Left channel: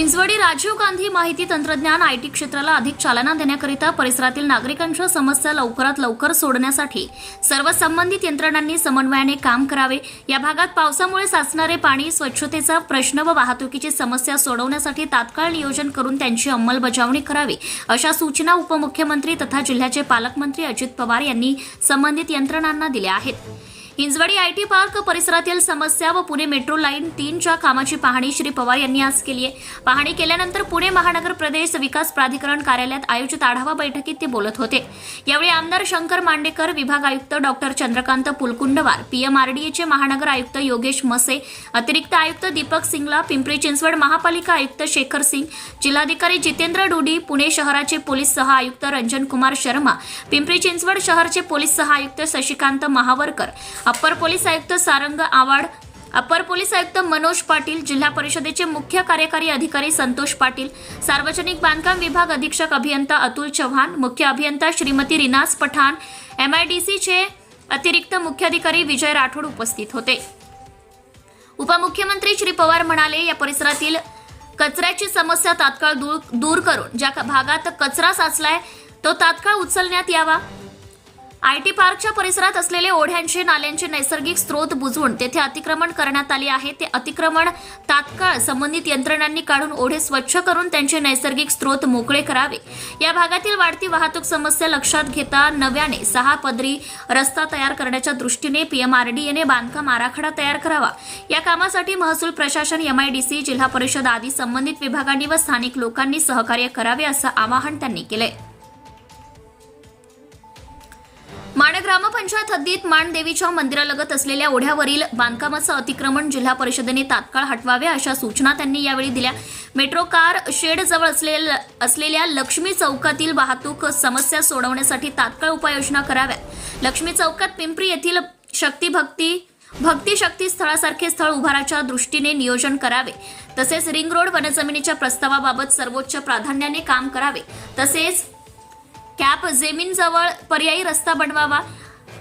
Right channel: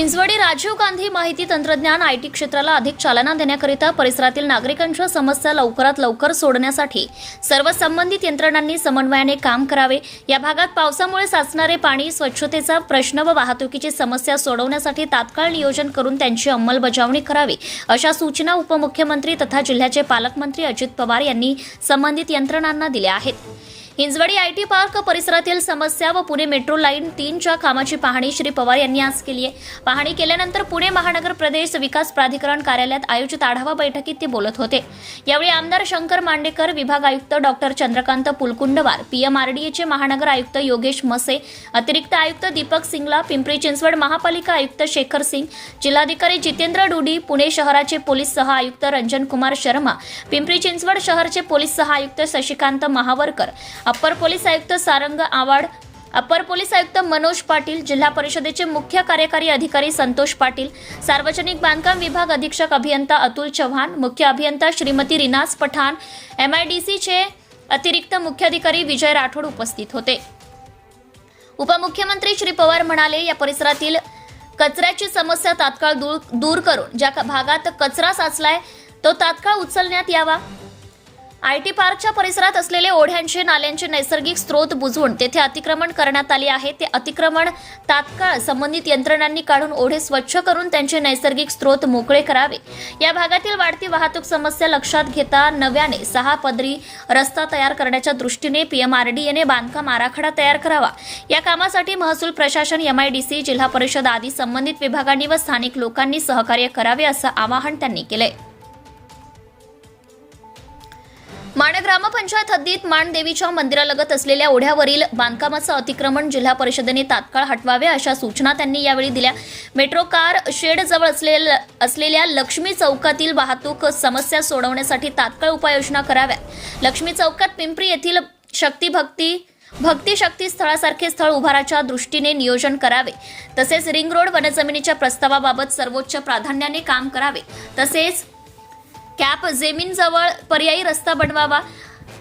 हिंजवडी राजीव गांधी माहिती तंत्रज्ञान I T क्षेत्राला अधिक चालना देण्याकरिता परिसरातील नागरिकांच्या समस्या लवकरात लवकर सोडण्यासाठी सर्व संबंधित यंत्रणांनी समन्वयाने काम करावे. या भागात पावसामुळे साचणारे पाणी स्वच्छतेचा प्रश्न व वाहतुकीची समस्या सोडवण्यासाठी तात्काळ नियोजन करून त्यांची अंमलबजावणी करावी अशा सूचना उपमुख्यमंत्री तथा जिल्ह्याचे पालकमंत्री अजित पवार यांनी संबंधित यंत्रणांना दिल्या आहेत. हिंजवडी आय टी पार्क परिसरातील समस्या व पुणे मेट्रो लाईन तीनच्या कामाची पाहणी श्री पवार यांनी आज केली आहे. पाहणी केल्यानंतर पुणे महानगर प्रदेश विकास प्राधिकरण कार्यालयात आयोजित आढावा बैठकीत ते बोलत होते. यावेळी आमदार शंकर मांडेकर विभाग आयुक्त डॉक्टर चंद्रकांत पुलकुंडवार पीएमआरडीएचे महानगर आयुक्त योगेश मसे अतिरिक्त आयुक्त दीपक सिंगला पिंपरी चिंचवड महापालिका आयुक्त शेखर सिंग जिल्हाधिकारी जितेंद्र डुडी पुणे शहराचे पोलीस सह आयुक्त रंजन कुमार शर्मा पिंपरी चिंचवड शहरचे पोलीस सह आयुक्त शशिकांत महावरकर अप्पर पोलीस आयुक्त सारंग आवाड अप्पर पोलीस आयुक्त मनोज पाटील जिल्हा परिषदेचे मुख्य कार्यकारी अधिकारी संतोष पाटील सार्वजनिक बांधकाम विभाग अधीक्षक अभियंता अतुल चव्हाण मुख्य अभियंता Shrimati Rinaz Pathan M I D सीचे अतिरिक्त मुख्याधिकारी विजय राठोड उपस्थित होते. उपमुख्यमंत्री श्री पवार म्हणाले या परिसरातील कचऱ्याची समस्या तात्काळ दूर दूर करून ज्या भागात कचरा साचलाय तो तात्काळ उचलण्यात यावा. आय टी पार्कच्या परिसरात असलेले ओढ्यांचे नाल्यांचे नैसर्गिक स्रोत बुजवून तेथे अतिक्रमण करण्यात आले आहे. ते अतिक्रमण तात्काळ संबंधित यंत्रणांनी काढून ओढे स्वच्छ करून त्यांचे नैसर्गिक स्रोत मोकळे करावे. या भागातील वाढती वाहतूक समस्या लक्षात घेता नव्याने सहा पदरी रस्ता तयार करण्याच्या दृष्टीने पीएमआरडीएने बांधकाम आराखडा तयार करावा. या कामासाठी महसूल प्रशासन एमआयडीसी जिल्हा परिषद आदी संबंधित विभागांनी व स्थानिक लोकांनी सहकार्य करावे असं आवाहन त्यांनी केलंय. ठाणे ग्रामपंचायत हद्दीत माणदेवीच्या मंदिरालगत असलेल्या ओढ्यावरील बांधकामाचं अतिक्रमण जिल्हा परिषदेने तात्काळ हटवावे अशा सूचना त्यांनी यावेळी दिल्या. मेट्रो कार शेडजवळ असलेल्या असलेल्या लक्ष्मी चौकातील वाहतूक समस्या सोडवण्यासाठी तात्काळ उपाययोजना कराव्या लक्ष्मी चौकात पिंपरी येथील शक्तीभक्ती भक्ती शक्ती स्थळासारखे स्थळ उभाराच्या दृष्टीने नियोजन करावे. तसेच रिंग रोड वनजमिनीच्या प्रस्तावाबाबत सर्वोच्च प्राधान्याने काम करावे. तसेच कॅप जमीनजवळ पर्यायी रस्ता बनवावा.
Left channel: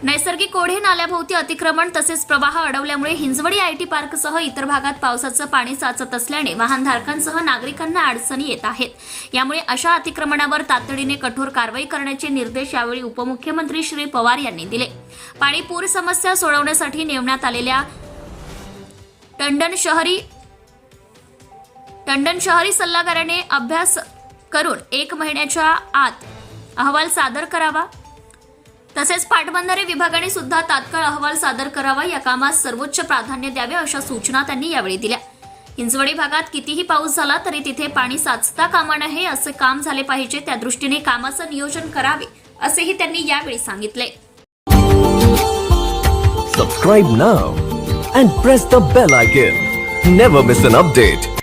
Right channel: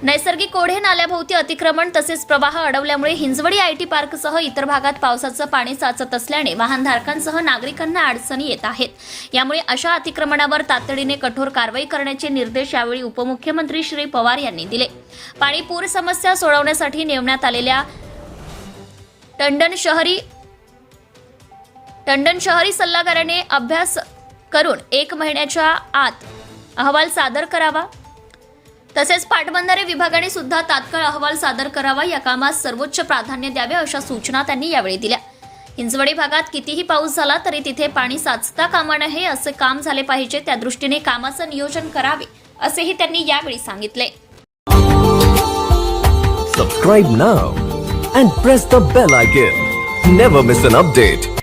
नैसर्गिक ओढे नाल्याभोवती अतिक्रमण तसेच प्रवाह अडवल्यामुळे हिंजवडी आय टी पार्कसह इतर भागात पावसाचं पाणी साचत असल्याने वाहनधारकांसह नागरिकांना अडचणी येत आहेत. यामुळे अशा अतिक्रमणावर तातडीने कठोर कारवाई करण्याचे निर्देश यावेळी उपमुख्यमंत्री श्री पवार यांनी दिले. पाणी पूर समस्या सोडवण्यासाठी नेमण्यात आलेल्या टंडन शहरी टंडन शहरी सल्लागाराने अभ्यास करून एक महिन्याच्या आत अहवाल सादर करावा. तसेच पाटबंधारे विभागाने सुद्धा तात्काळ अहवाल सादर करावा या कामास सर्वोच्च प्राधान्य द्यावे अशा सूचना त्यांनी यावेळी दिल्या. हिंजवडी भागात कितीही पाऊस झाला तरी तिथे पाणी साचता कामा नये असे काम झाले पाहिजे त्या दृष्टीने कामाचं नियोजन करावे असेही त्यांनी यावेळी सांगितले. Subscribe now and press the bell icon never miss an update